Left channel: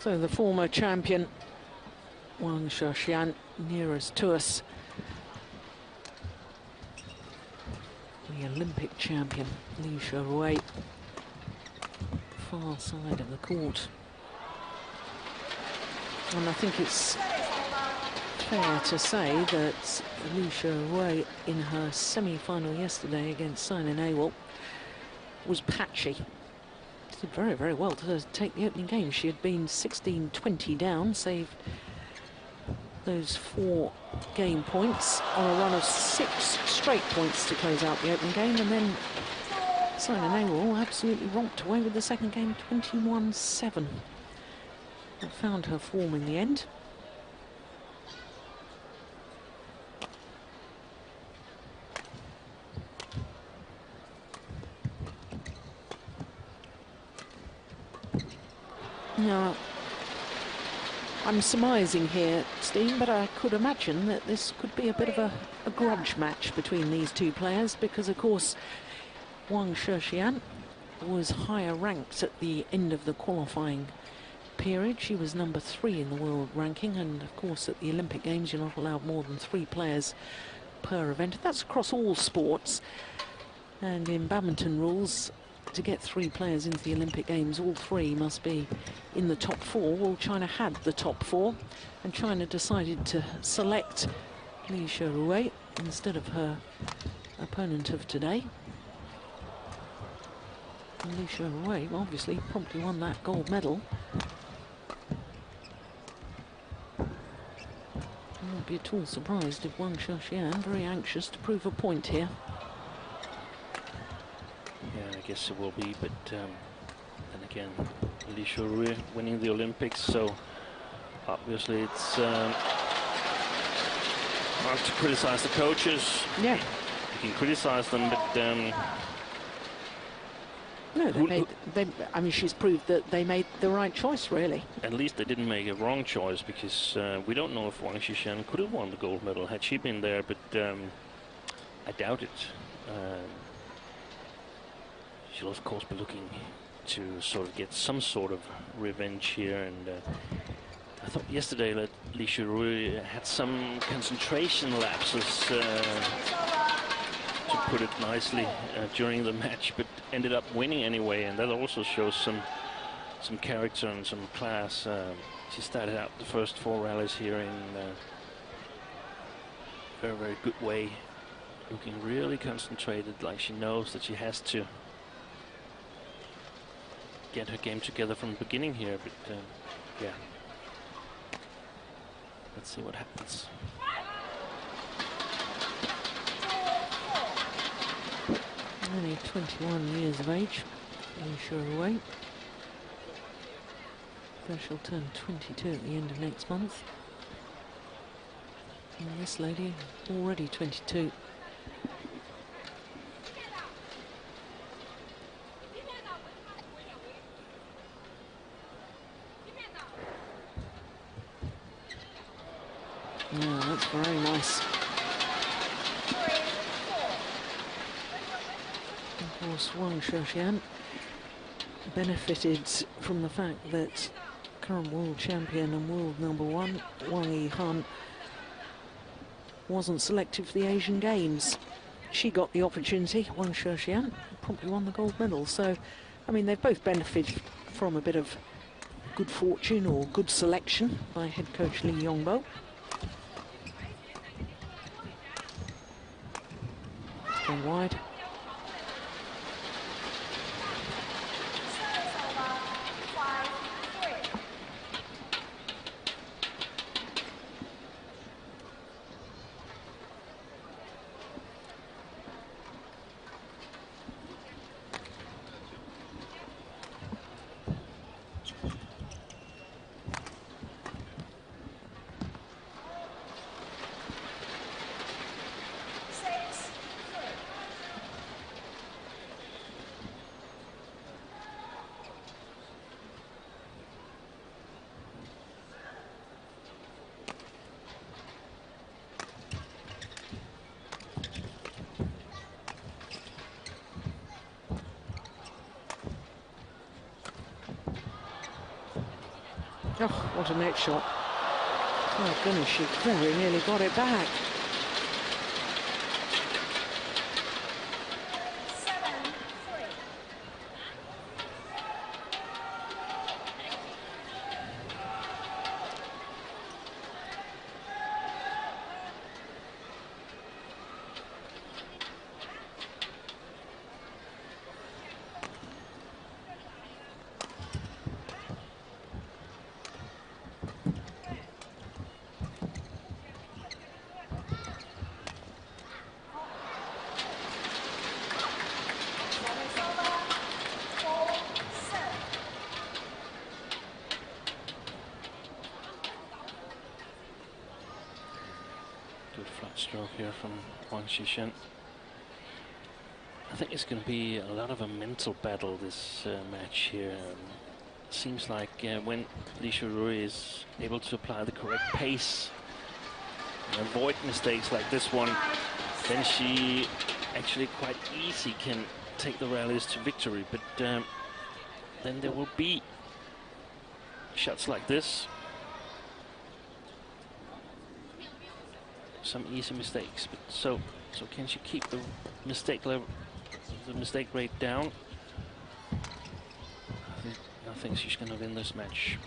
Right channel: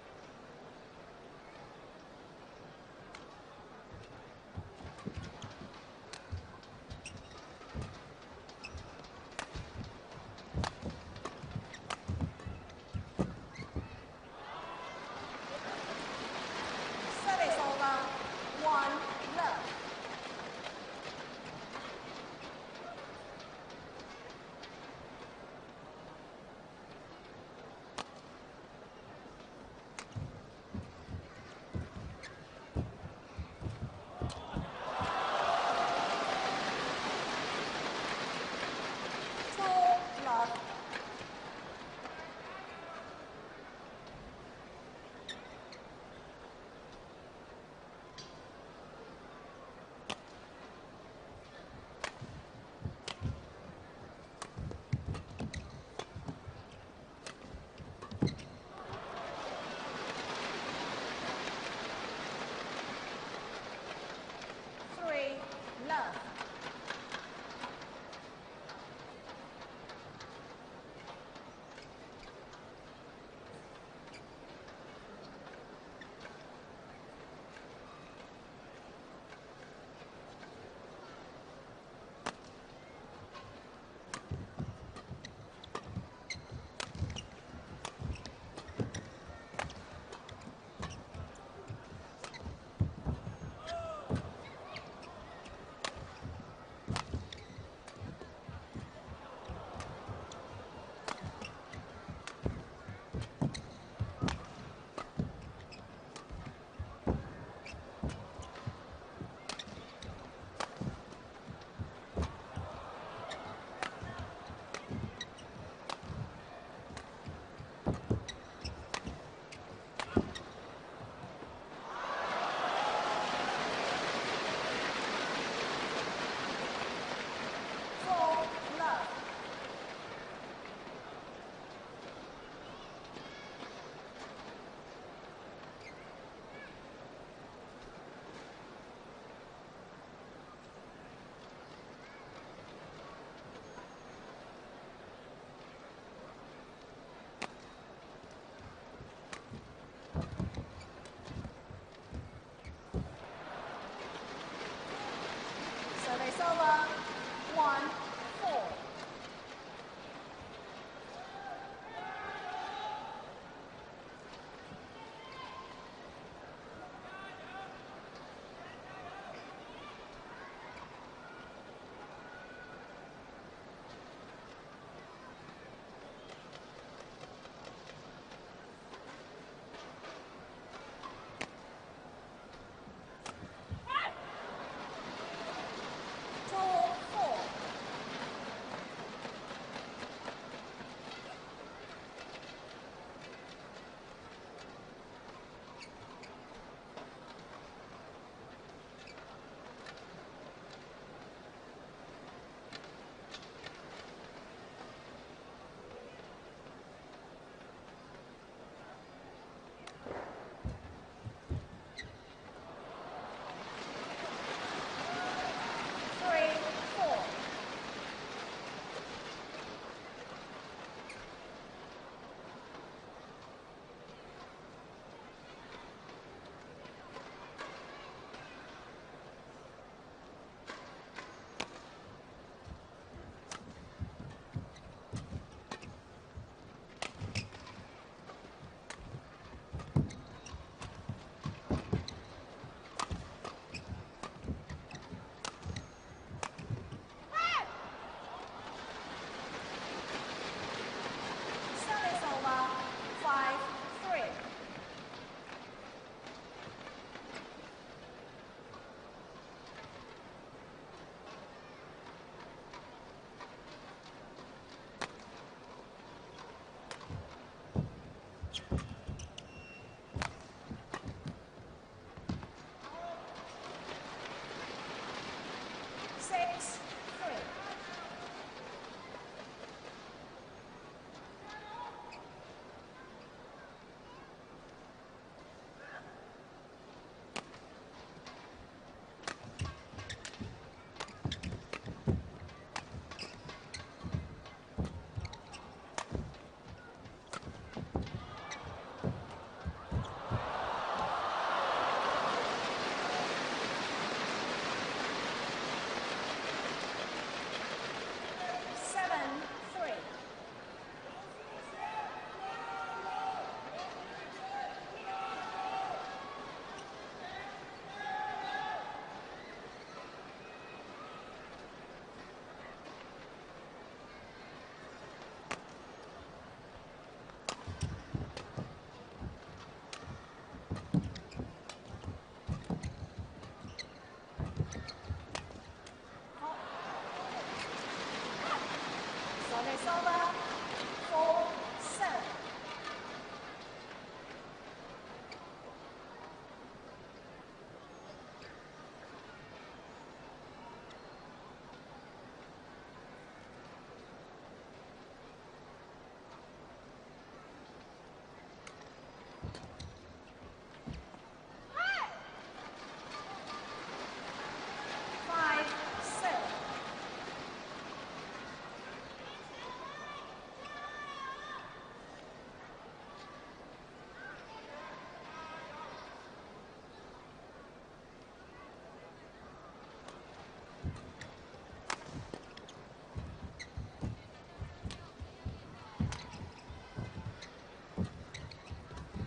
So the former champion, Wang Shixian, nearest to us. The Olympic champion, Xuerui, far side of the court. And I think it's fair to say that Xuerui, in her semi-final yesterday against Sina Nawal, was patchy. She did very, very well to take the opening game. She had been 16-20 down, saved those 4 game points on a run of 6 straight points to close out the opening game, and then Sina Nawal absolutely romped away with the second game, 21-7. That found her form in the end. Now, I'm surmising here, Steen, but I could imagine that this could be a bit of a grudge match between these two players, because, of course, Wang Shixian was higher ranked at the end of the qualifying period. She was number 3 in the world ranking, and, of course, at the Olympic Games, you're not allowed more than 3 players per event. That's across all sports, and in badminton rules, to get 3 players into the Olympic Games, all 3 must be in the top 4. Well, China had the top 4, and China decided to select Xuerui instead of her opponent of today. And Xuerui obviously promptly won that gold medal. I won't be at all surprised if Wang Shixian, very anxious to prove a point here. I guess it will be, but then again, Xuerui winning the Olympics, so obviously it's hard to criticize the coaches. Yeah. You can criticize them, but no, I mean, she's proved that they made the right choice, really. At least they didn't make a wrong choice, because we don't know if Wang Shixian could have won the gold medal had she been there, but I doubt it. She'll of course be looking to sort of get some sort of revenge here, and I thought yesterday that Xuerui had some concentration lapses, to put it nicely, during the match, but ended up winning anyway, and that also shows some character and some class. She started out the first 4 rallies here in a very, very good way, looking really concentrated, like she knows that she has to get her game together from the beginning here, but yeah, let's see what happens. Only 21 years of age, Xuerui. So she'll turn 22 at the end of next month. And this lady already 22. Oh, that's very nice. Of course, Wang Shixian benefited from the fact that current world champion and world #1, Wang Yihan, wasn't selected for the Asian Games. She got the opportunity. Wang Shixian promptly won the gold medal. So, I mean, they've both benefited from a bit of good fortune or good selection by head coach Li Yongbo. It's gone wide. Oh, what a net shot. Oh goodness, she very nearly got it back. Stroke here from Wang Shixian. I think it's going to be a lot of a mental battle, this match here. Seems like when Xuerui is able to apply the correct pace and avoid mistakes like this one, then she actually quite easy can take the rallies to victory. But then there will be shots like this. Some easy mistakes, but so can she keep the mistake level, the mistake rate down? I think she's going to win this match.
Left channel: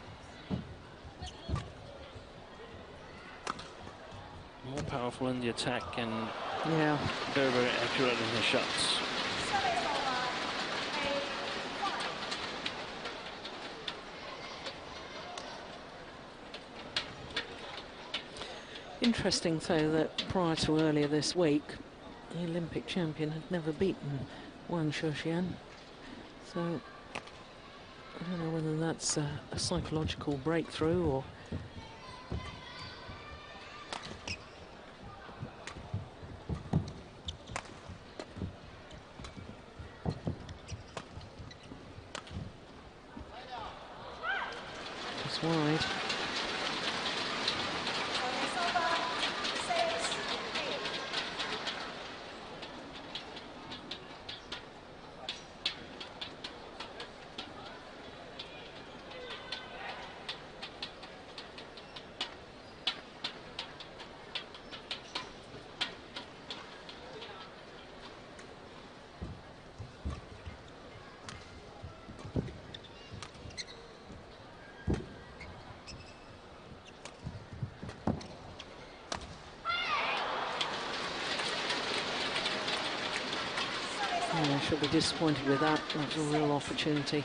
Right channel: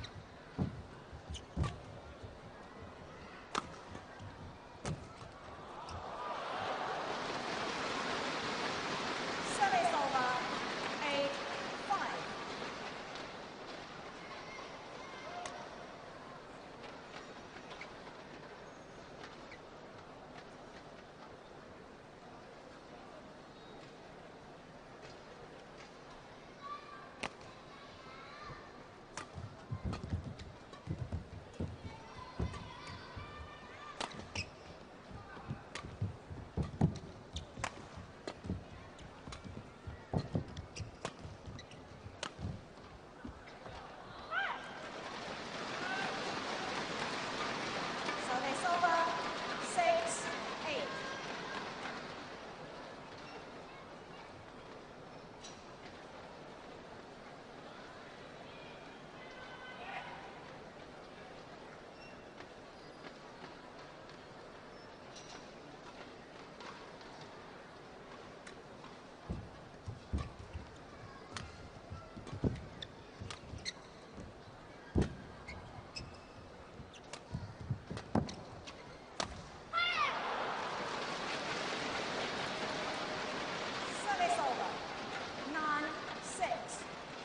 More powerful in the attack and very, very accurate in her shots. Interesting, though, that prior to earlier this week, the Olympic champion had never beaten Wang Shixian. So I don't know whether that's a psychological breakthrough or... It's wide. She'll be disappointed with that. That's a real opportunity.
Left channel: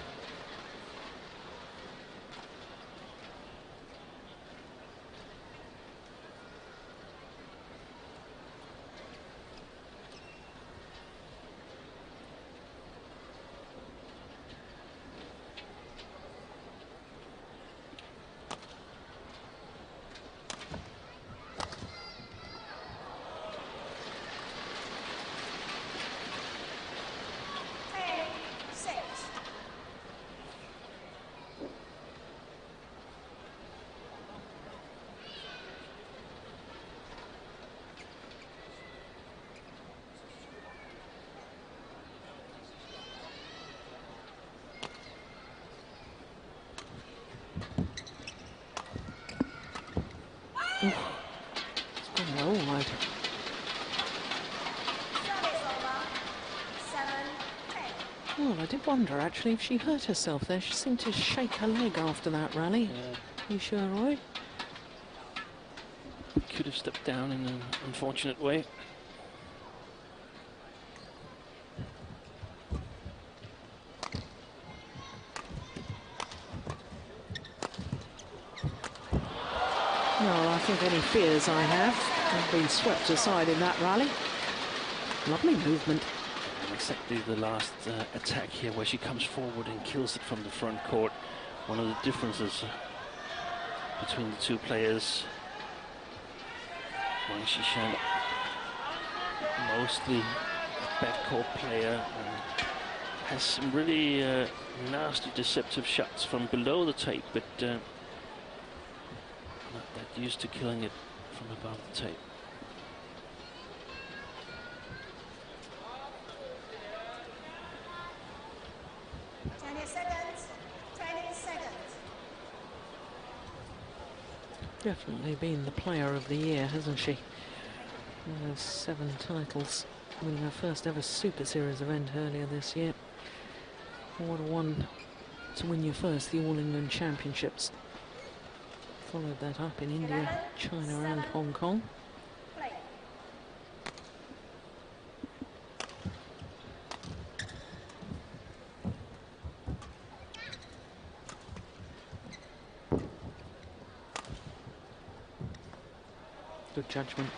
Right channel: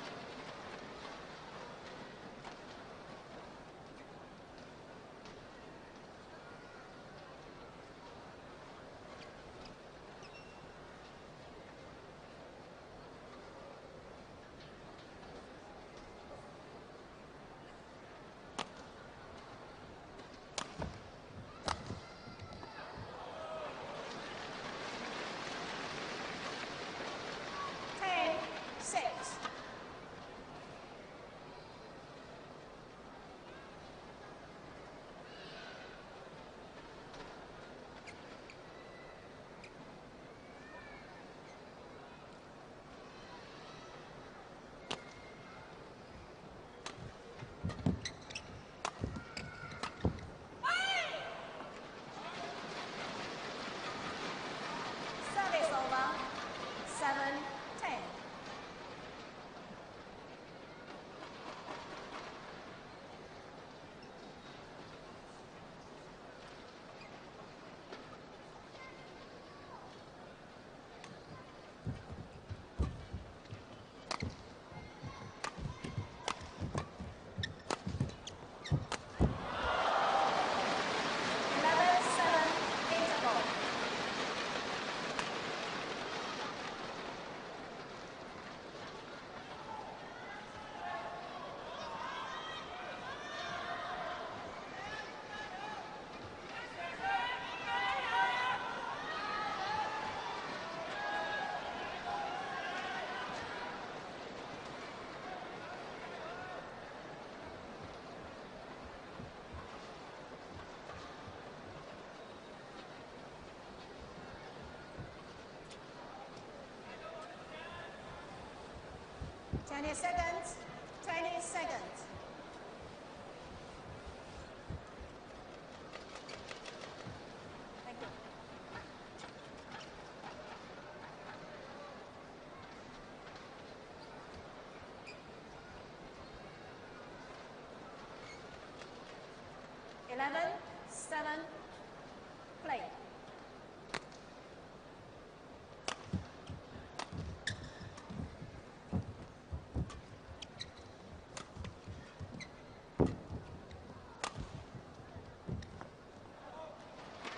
It's gone well wide. Oh, I did wonder actually if she hurt herself there. She seemed to shake her leg after that rally. You sure, Roy? Could have stepped down in an unfortunate way. Well, I think any fears I have been swept aside in that rally. Lovely movement. Exactly the last attack here where she comes forward and kills it from the front court. One of the differences between the two players. Wang Shixian, mostly backcourt player, has some really nasty deceptive shots from below the tape, but not that used to killing it from above the tape. definitely been the player of the year, hasn't she? One of 7 titles, winning her first ever Super Series event earlier this year. What a one to win your first, the All England Championships. Followed that up in India, China and Hong Kong. Good judgment.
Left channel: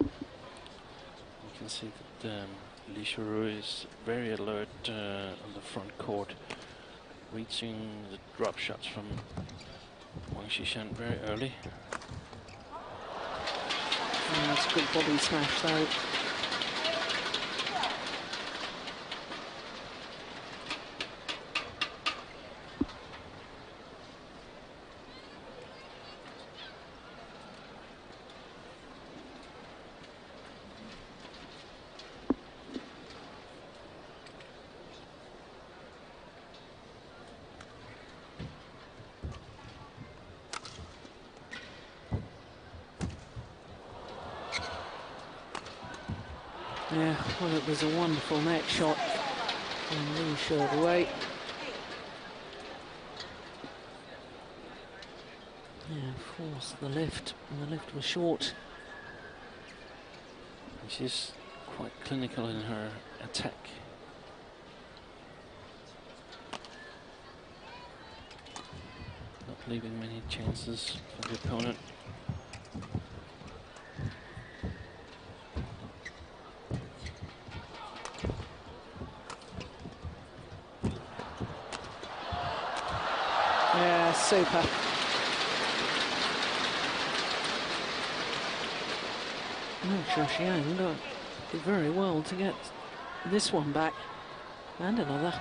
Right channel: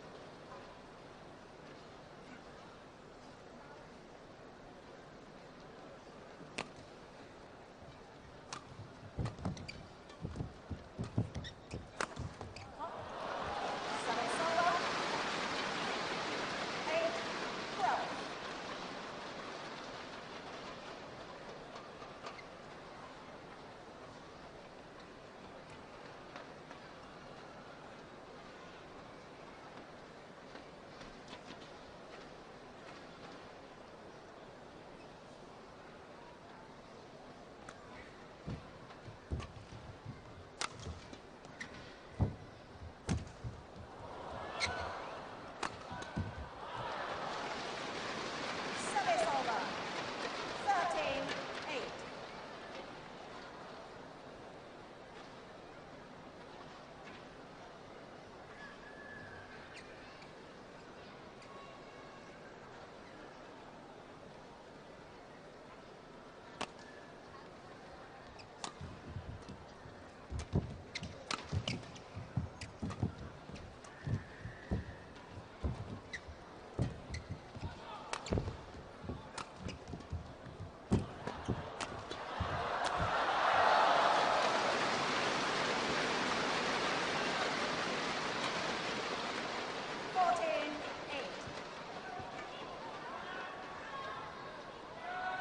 You can see that Xuerui is very alert on the front court, reaching the drop shots from Wang Shixian very early. Oh, that's a good body smash though. Yeah, well, it was a wonderful net shot from Xuerui. Yeah, forced the lift, and the lift was short. She's quite clinical in her attack. Not leaving many chances for the opponent. Yeah, super. Xuxian did very well to get this one back, and another.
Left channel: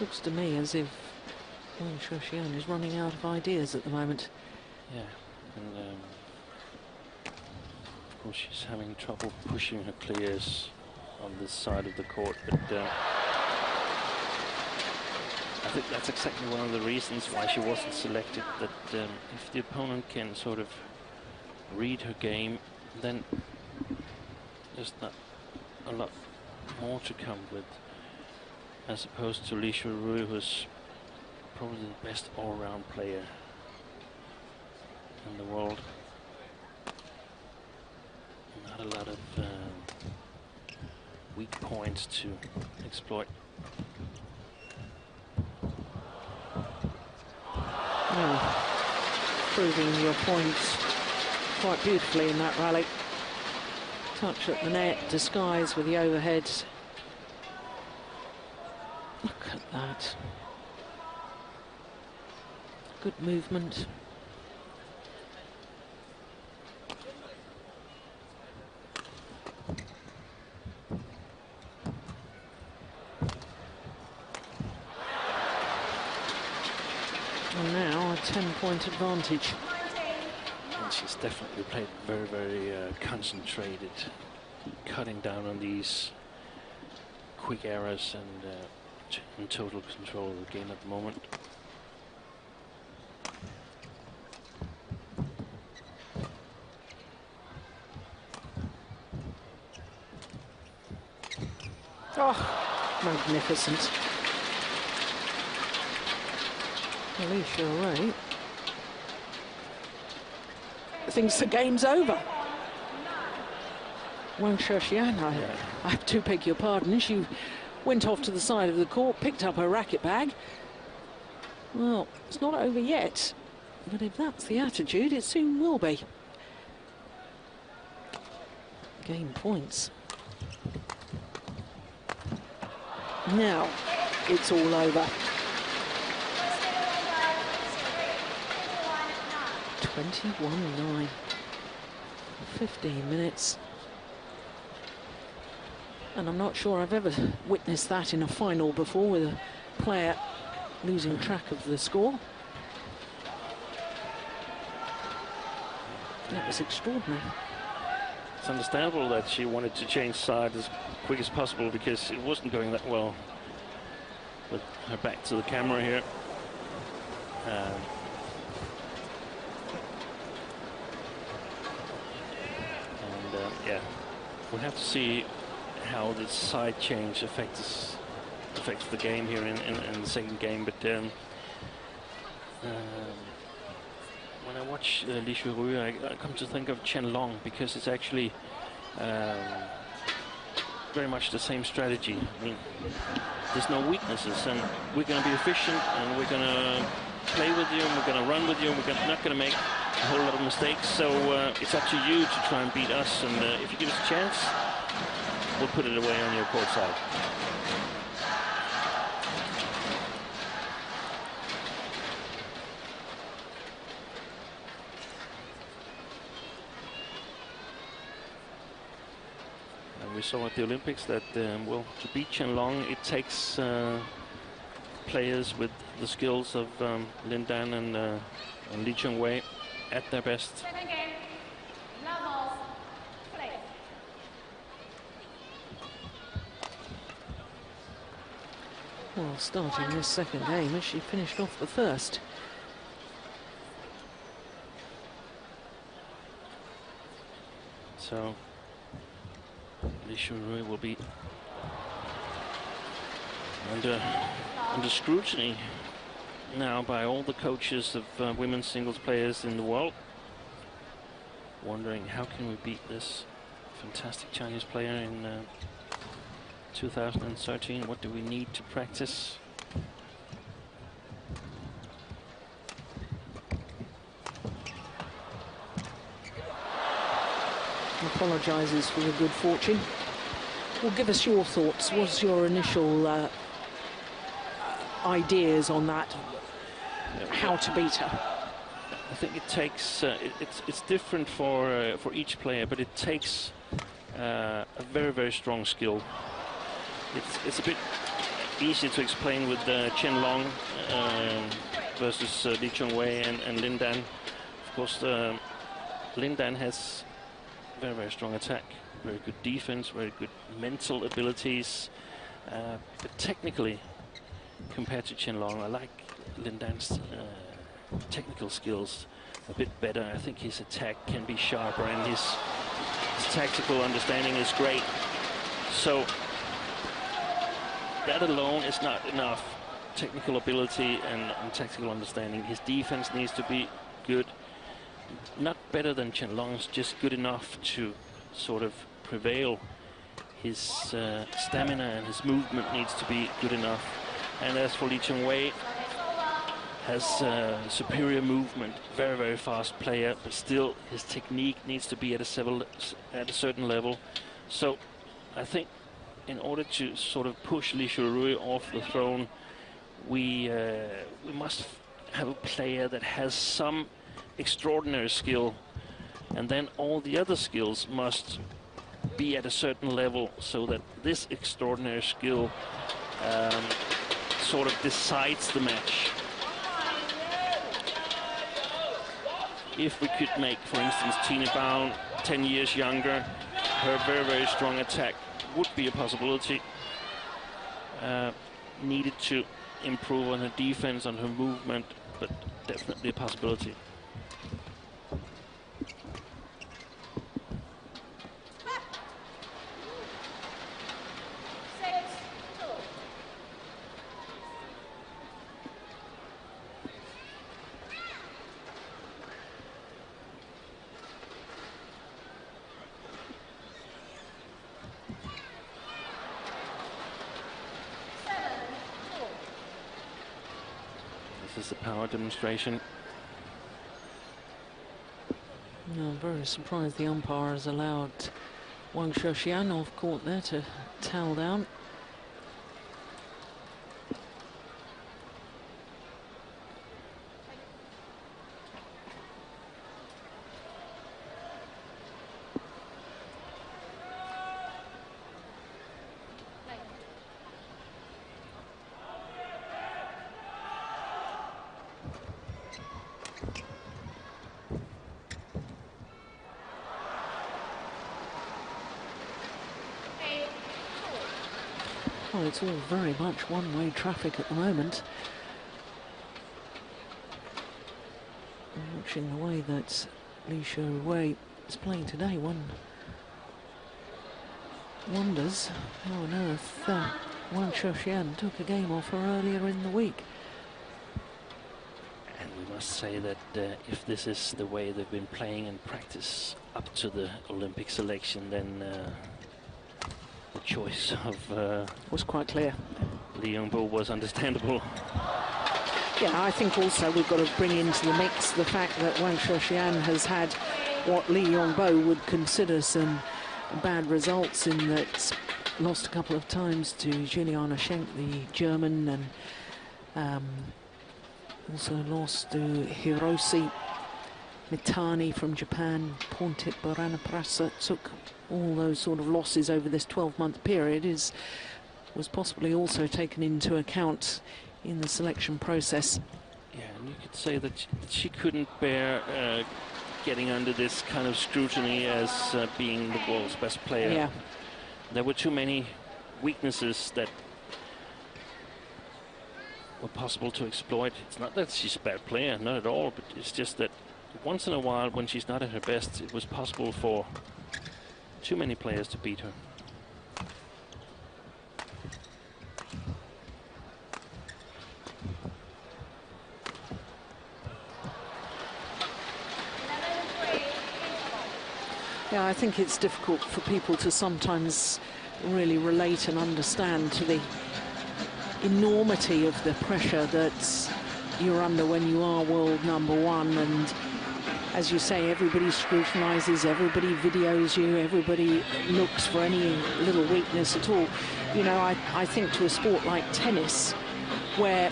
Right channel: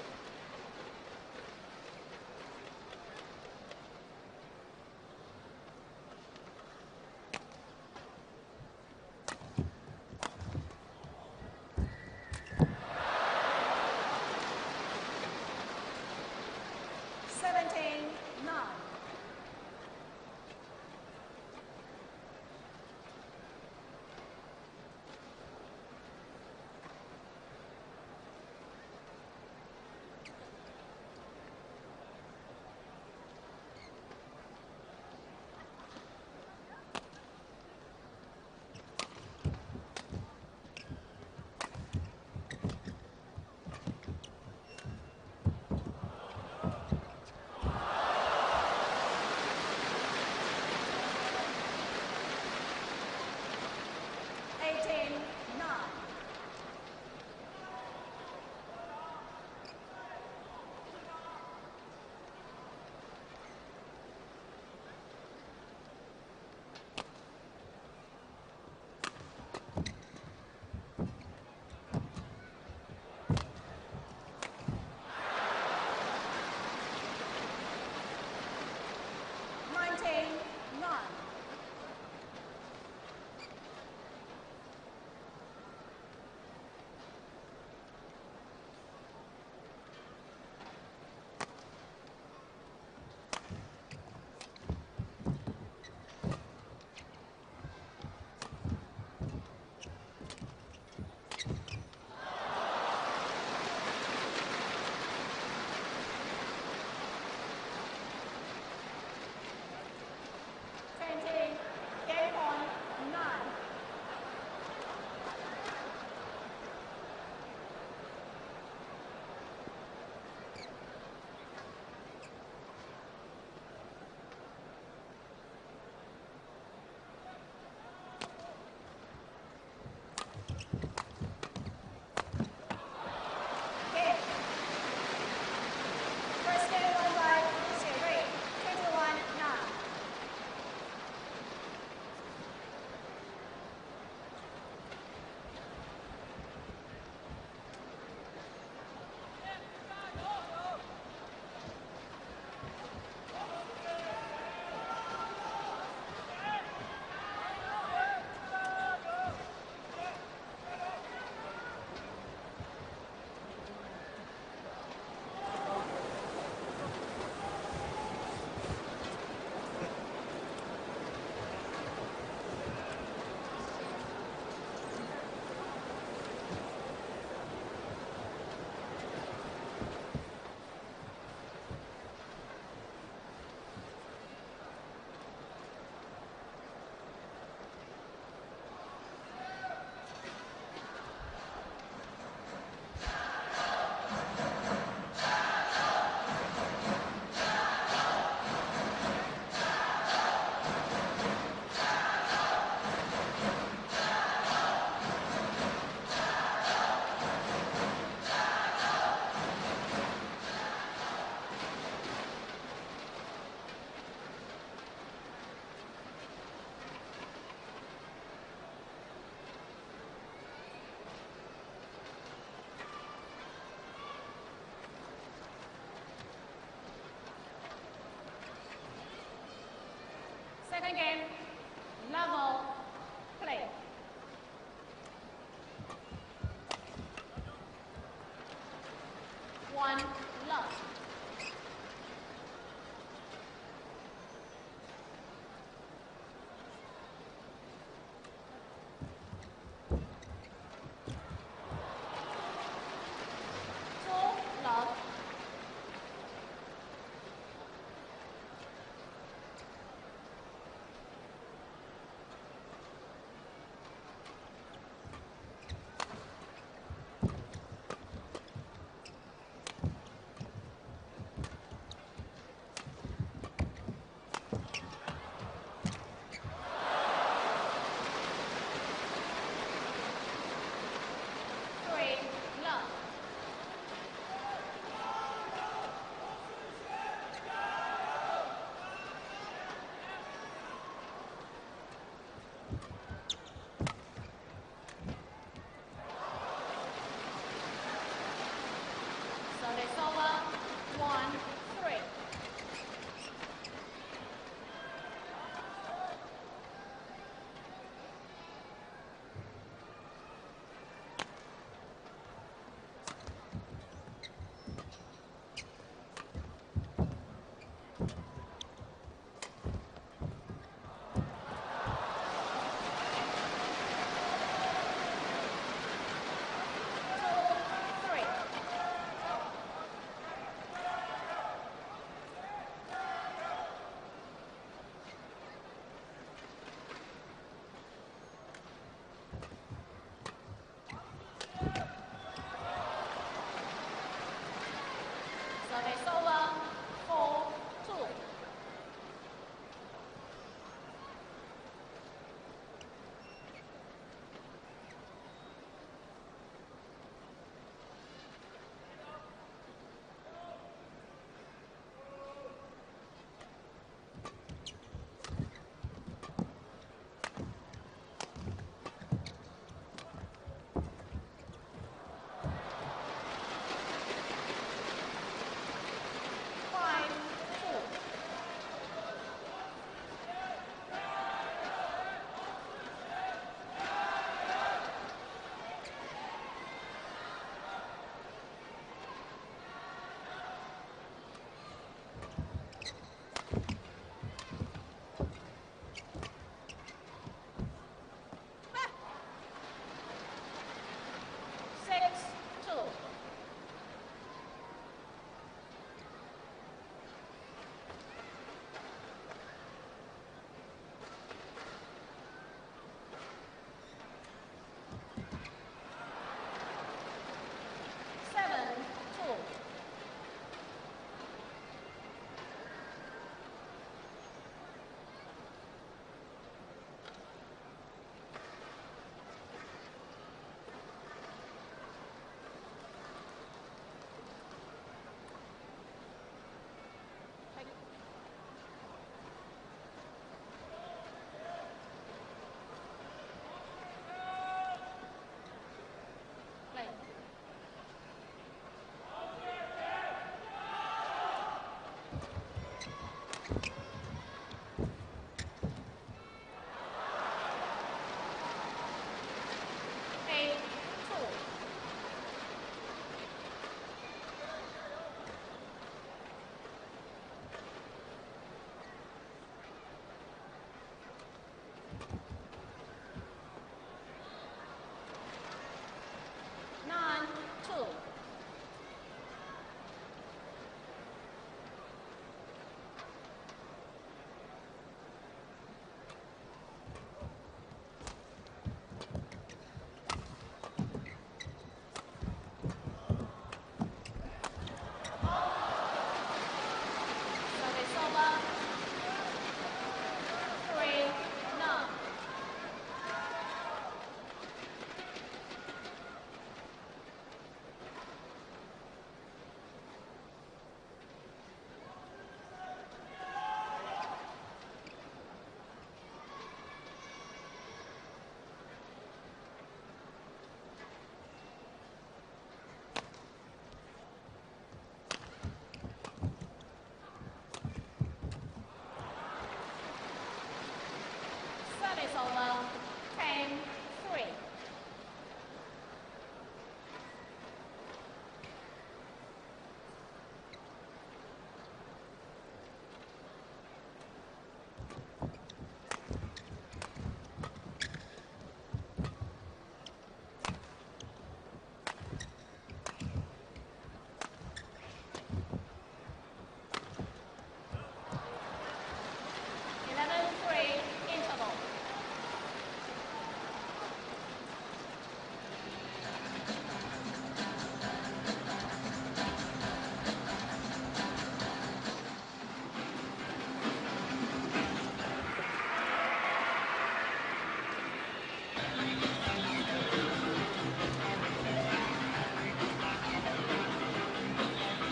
Looks to me as if Wang Shixian is running out of ideas at the moment. Yeah, and of course she's having trouble pushing her clears on this side of the court, but I think that's exactly one of the reasons why she wasn't selected, that if the opponent can sort of read her game, then there's not a lot more to come with, as opposed to Xuerui, who's probably the best all-round player in the world. Not a lot of weak points to exploit. Proving your points quite beautifully in that rally. Touch at the net, disguise with the overheads. Look at that. Good movement. And now a 10-point advantage. And she's definitely played very, very concentrated, cutting down on these quick errors and in total control of the game at the moment. Magnificent. Xuerui thinks the game's over. Wang Shixian, I have to beg your pardon. She went off to the side of the court, picked up her racket bag. Well, it's not over yet, but if that's the attitude, it soon will be. Game points. Now, it's all over. 21-9. 15 minutes. And I'm not sure I've ever witnessed that in a final before, with a player losing track of the score. That was extraordinary. It's understandable that she wanted to change side as quick as possible, because it wasn't going that well. With her back to the camera here. Yeah, we'll have to see how this side change affects the game here in the second game. But when I watch Xuerui, I come to think of Chen Long, because it's actually very much the same strategy. I mean, there's no weaknesses, and we're going to be efficient, and we're going to play with you, and we're going to run with you, and we're not going to make a whole lot of mistakes. So it's up to you to try and beat us, and if you give us a chance, we'll put it away on your court side. And we saw at the Olympics that, well, to beat Chen Long, it takes players with the skills of Lin Dan and Li Chengwei at their best. Well, starting this second game, she finished off the first. So Xuerui will be under scrutiny now by all the coaches of women's singles players in the world, wondering how can we beat this fantastic Chinese player in 2013. What do we need to practice? Apologises for the good fortune. Well, give us your thoughts. What's your initial ideas on that? How to beat her? I think it takes. It's different for each player, but it takes a very strong skill. It's a bit easy to explain with Chen Long versus Li Chengwei and Lin Dan. Of course, Lin Dan has very strong attack, very good defense, very good mental abilities. But technically, compared to Chen Long, I like Lin Dan's technical skills a bit better. I think his attack can be sharper, and his tactical understanding is great. So that alone is not enough. Technical ability and tactical understanding. His defense needs to be good. Not better than Chen Long's, just good enough to sort of prevail. His stamina and his movement needs to be good enough. And as for Li Chengwei, has superior movement, very fast player, but still his technique needs to be at a certain level. So I think in order to sort of push Xuerui off the throne, we must have a player that has some extraordinary skill, and then all the other skills must be at a certain level, so that this extraordinary skill sort of decides the match. If we could make, for instance, Tine Baum 10 years younger, her very strong attack would be a possibility. Needed to improve on her defense, on her movement, but definitely a possibility. This is the power demonstration. No, I'm very surprised the umpire has allowed Wang Shixian off court there to towel down. Well, it's all very much one-way traffic at the moment. Watching the way that Xuerui is playing today, one wonders how on earth Wang Shixian took a game off her earlier in the week. And we must say that if this is the way they've been playing in practice up to the Olympic selection, then the choice of was quite clear. Li Yongbo was understandable. Yeah, I think also we've got to bring into the mix the fact that Wang Shixian has had what Li Yongbo would consider some bad results, in that lost a couple of times to Juliana Schenk, the German, and also lost to Hiroshi Mitani from Japan. Pontit Baranaprasa took all those sort of losses over this 12-month period, was possibly also taken into account in the selection process. Yeah, and you could say that she couldn't bear getting under this kind of scrutiny as being the world's best player. Yeah. There were too many weaknesses that were possible to exploit. It's not that she's a bad player, not at all, but it's just that once in a while, when she's not at her best, it was possible for too many players to beat her. Yeah, I think it's difficult for people to sometimes really relate and understand to the enormity of the pressure that you're under when you are world #1. And as you say, everybody scrutinises, everybody videos you, everybody looks for any little weakness at all. You know, I think to a sport like tennis, where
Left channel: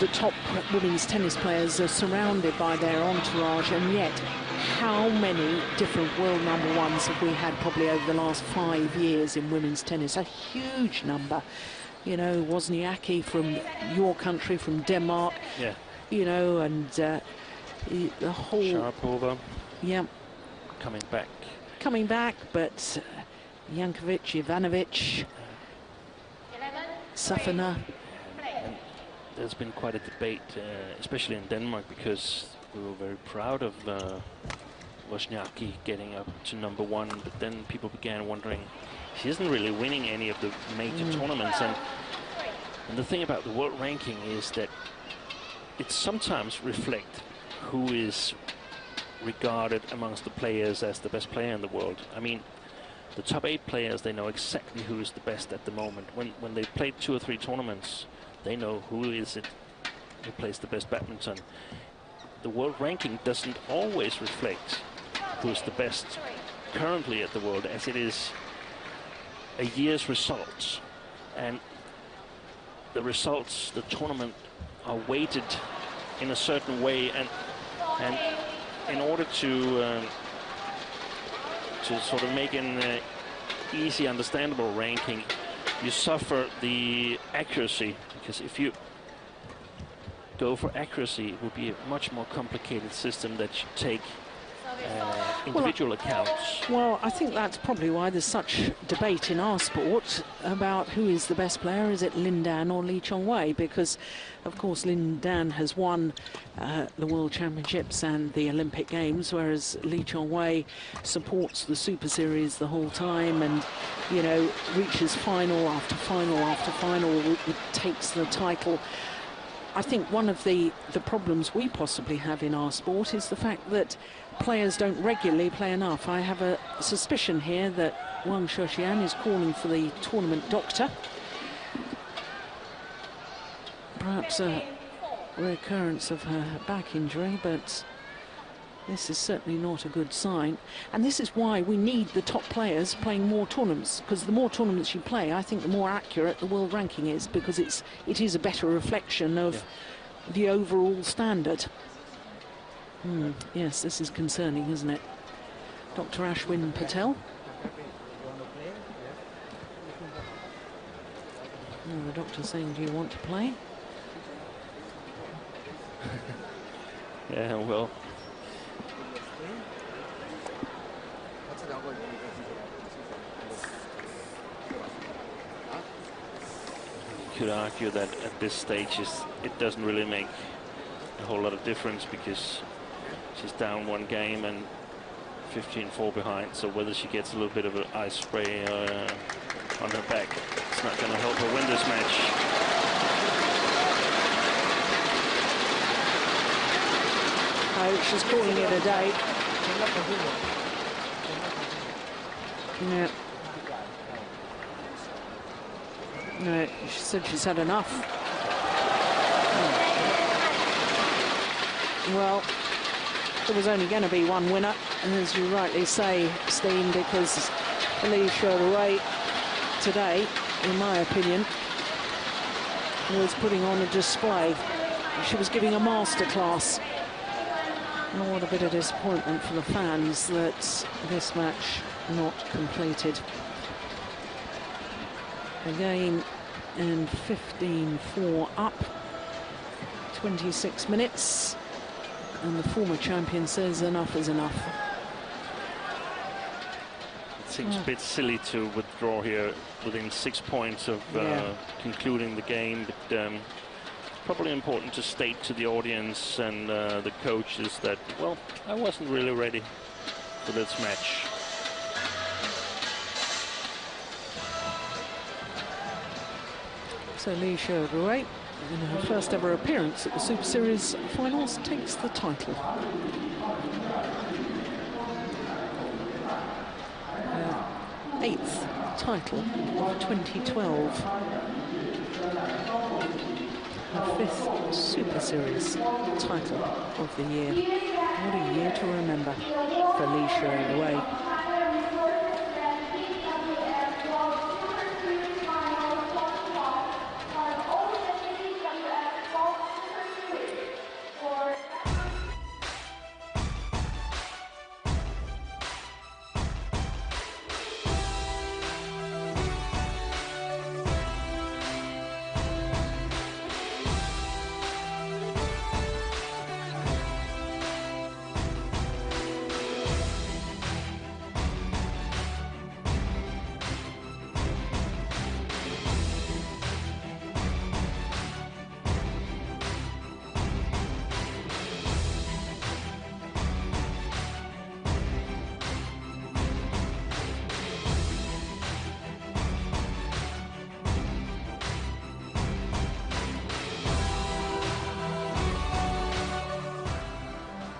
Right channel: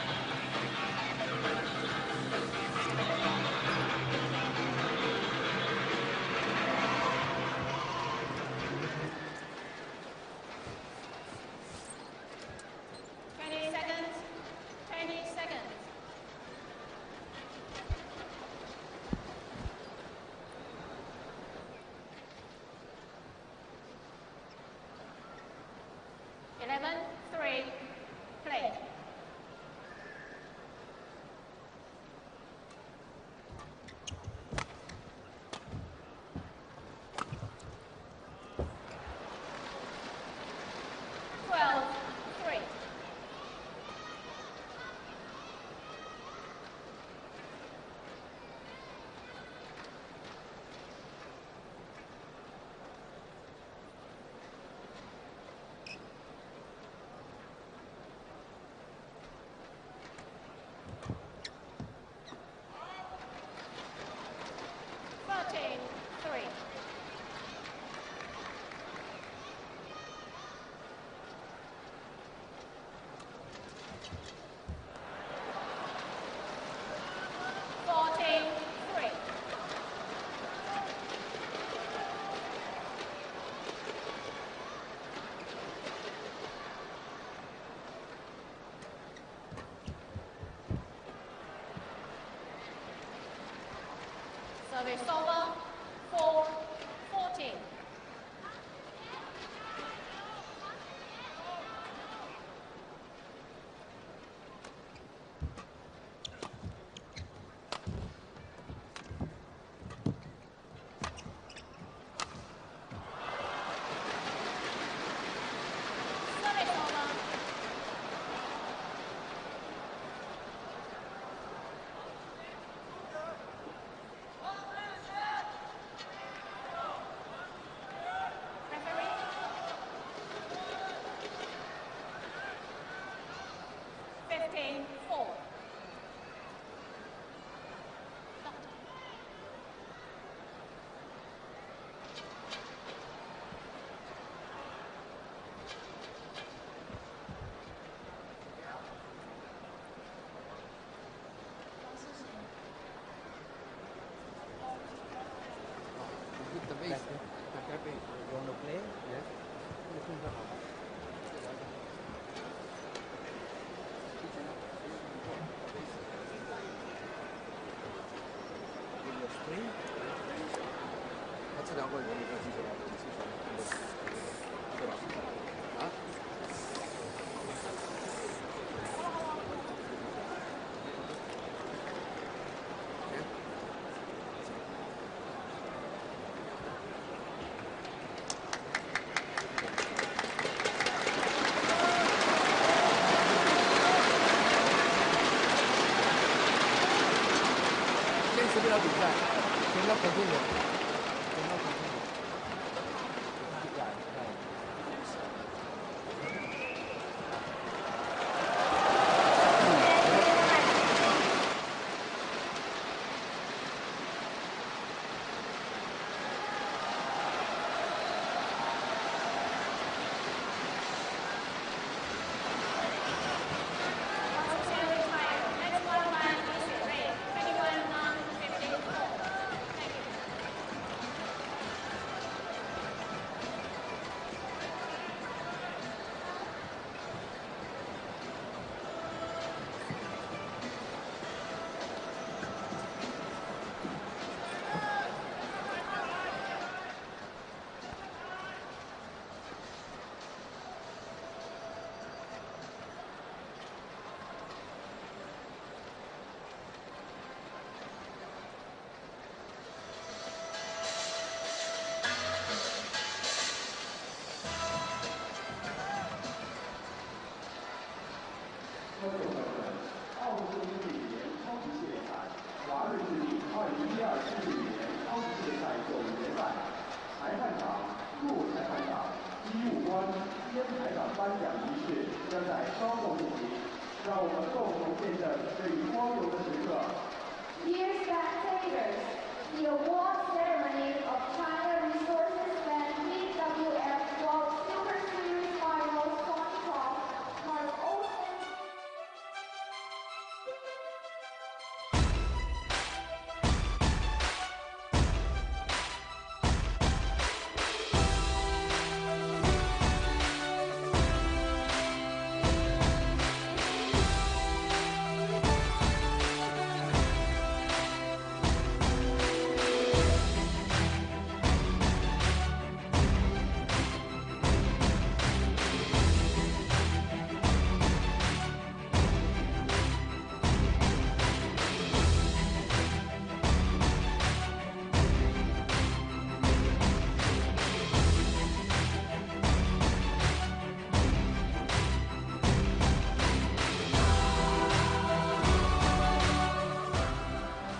the top women's tennis players are surrounded by their entourage, and yet how many different world #1s have we had probably over the last 5 years in women's tennis? A huge number. You know, Wozniacki from your country, from Denmark. Yeah. You know, and the whole... Sharapova. Yeah. Coming back. But Jankovic, Ivanovic, Safina. There's been quite a debate, especially in Denmark, because we were very proud of Wozniacki getting up to #1, but then people began wondering, she isn't really winning any of the major tournaments. And the thing about the world ranking is that it sometimes reflects who is regarded amongst the players as the best player in the world. I mean, the top 8 players, they know exactly who is the best at the moment. When they played 2 or 3 tournaments, they know who is it who plays the best badminton. The world ranking doesn't always reflect who's the best currently at the world, as it is a year's results. And the results, the tournament, are weighted in a certain way, and in order to sort of make an easy, understandable ranking, you suffer the accuracy, because if you go for accuracy, it would be a much more complicated system that you take individual accounts. Well, I think that's probably why there's such debate in our sport about who is the best player. Is it Lin Dan or Lee Chong-wei? Because, of course, Lin Dan has won the World Championships and the Olympic Games, whereas Lee Chong-wei supports the Super Series the whole time, and, you know, reaches final after final after final, takes the title. I think one of the problems we possibly have in our sport is the fact that players don't regularly play enough. I have a suspicion here that Wang Shixian is calling for the tournament doctor. Perhaps recurrence of her back injury, but this is certainly not a good sign. And this is why we need the top players playing more tournaments, because the more tournaments you play, I think the more accurate the world ranking is, because it is a better reflection of the overall standard. Yes, this is concerning, isn't it? Dr. Ashwin Patel. The doctor's saying, do you want to play? Yeah, well. You could argue that at this stage it doesn't really make a whole lot of difference, because she's down one game and 15-4 behind, so whether she gets a little bit of an ice spray on her back, it's not going to help her win this match. Oh, she's calling it a day. No, she said she's had enough. Well, there was only going to be one winner, as you rightly say, Steen, because Xuerui today, in my opinion, was putting on a display. She was giving a masterclass. And what a bit of disappointment for the fans that this match not completed. Again, and 15-4 up, 26 minutes. And the former champion says enough is enough. It seems a bit silly to withdraw here within 6 points of concluding the game, but probably important to state to the audience and the coaches that, well, I wasn't really ready for this match. So Xuerui, in her first ever appearance at the Super Series Finals, takes the title. Eighth title of 2012. Her fifth Super Series title of the year. What a year to remember for Xuerui.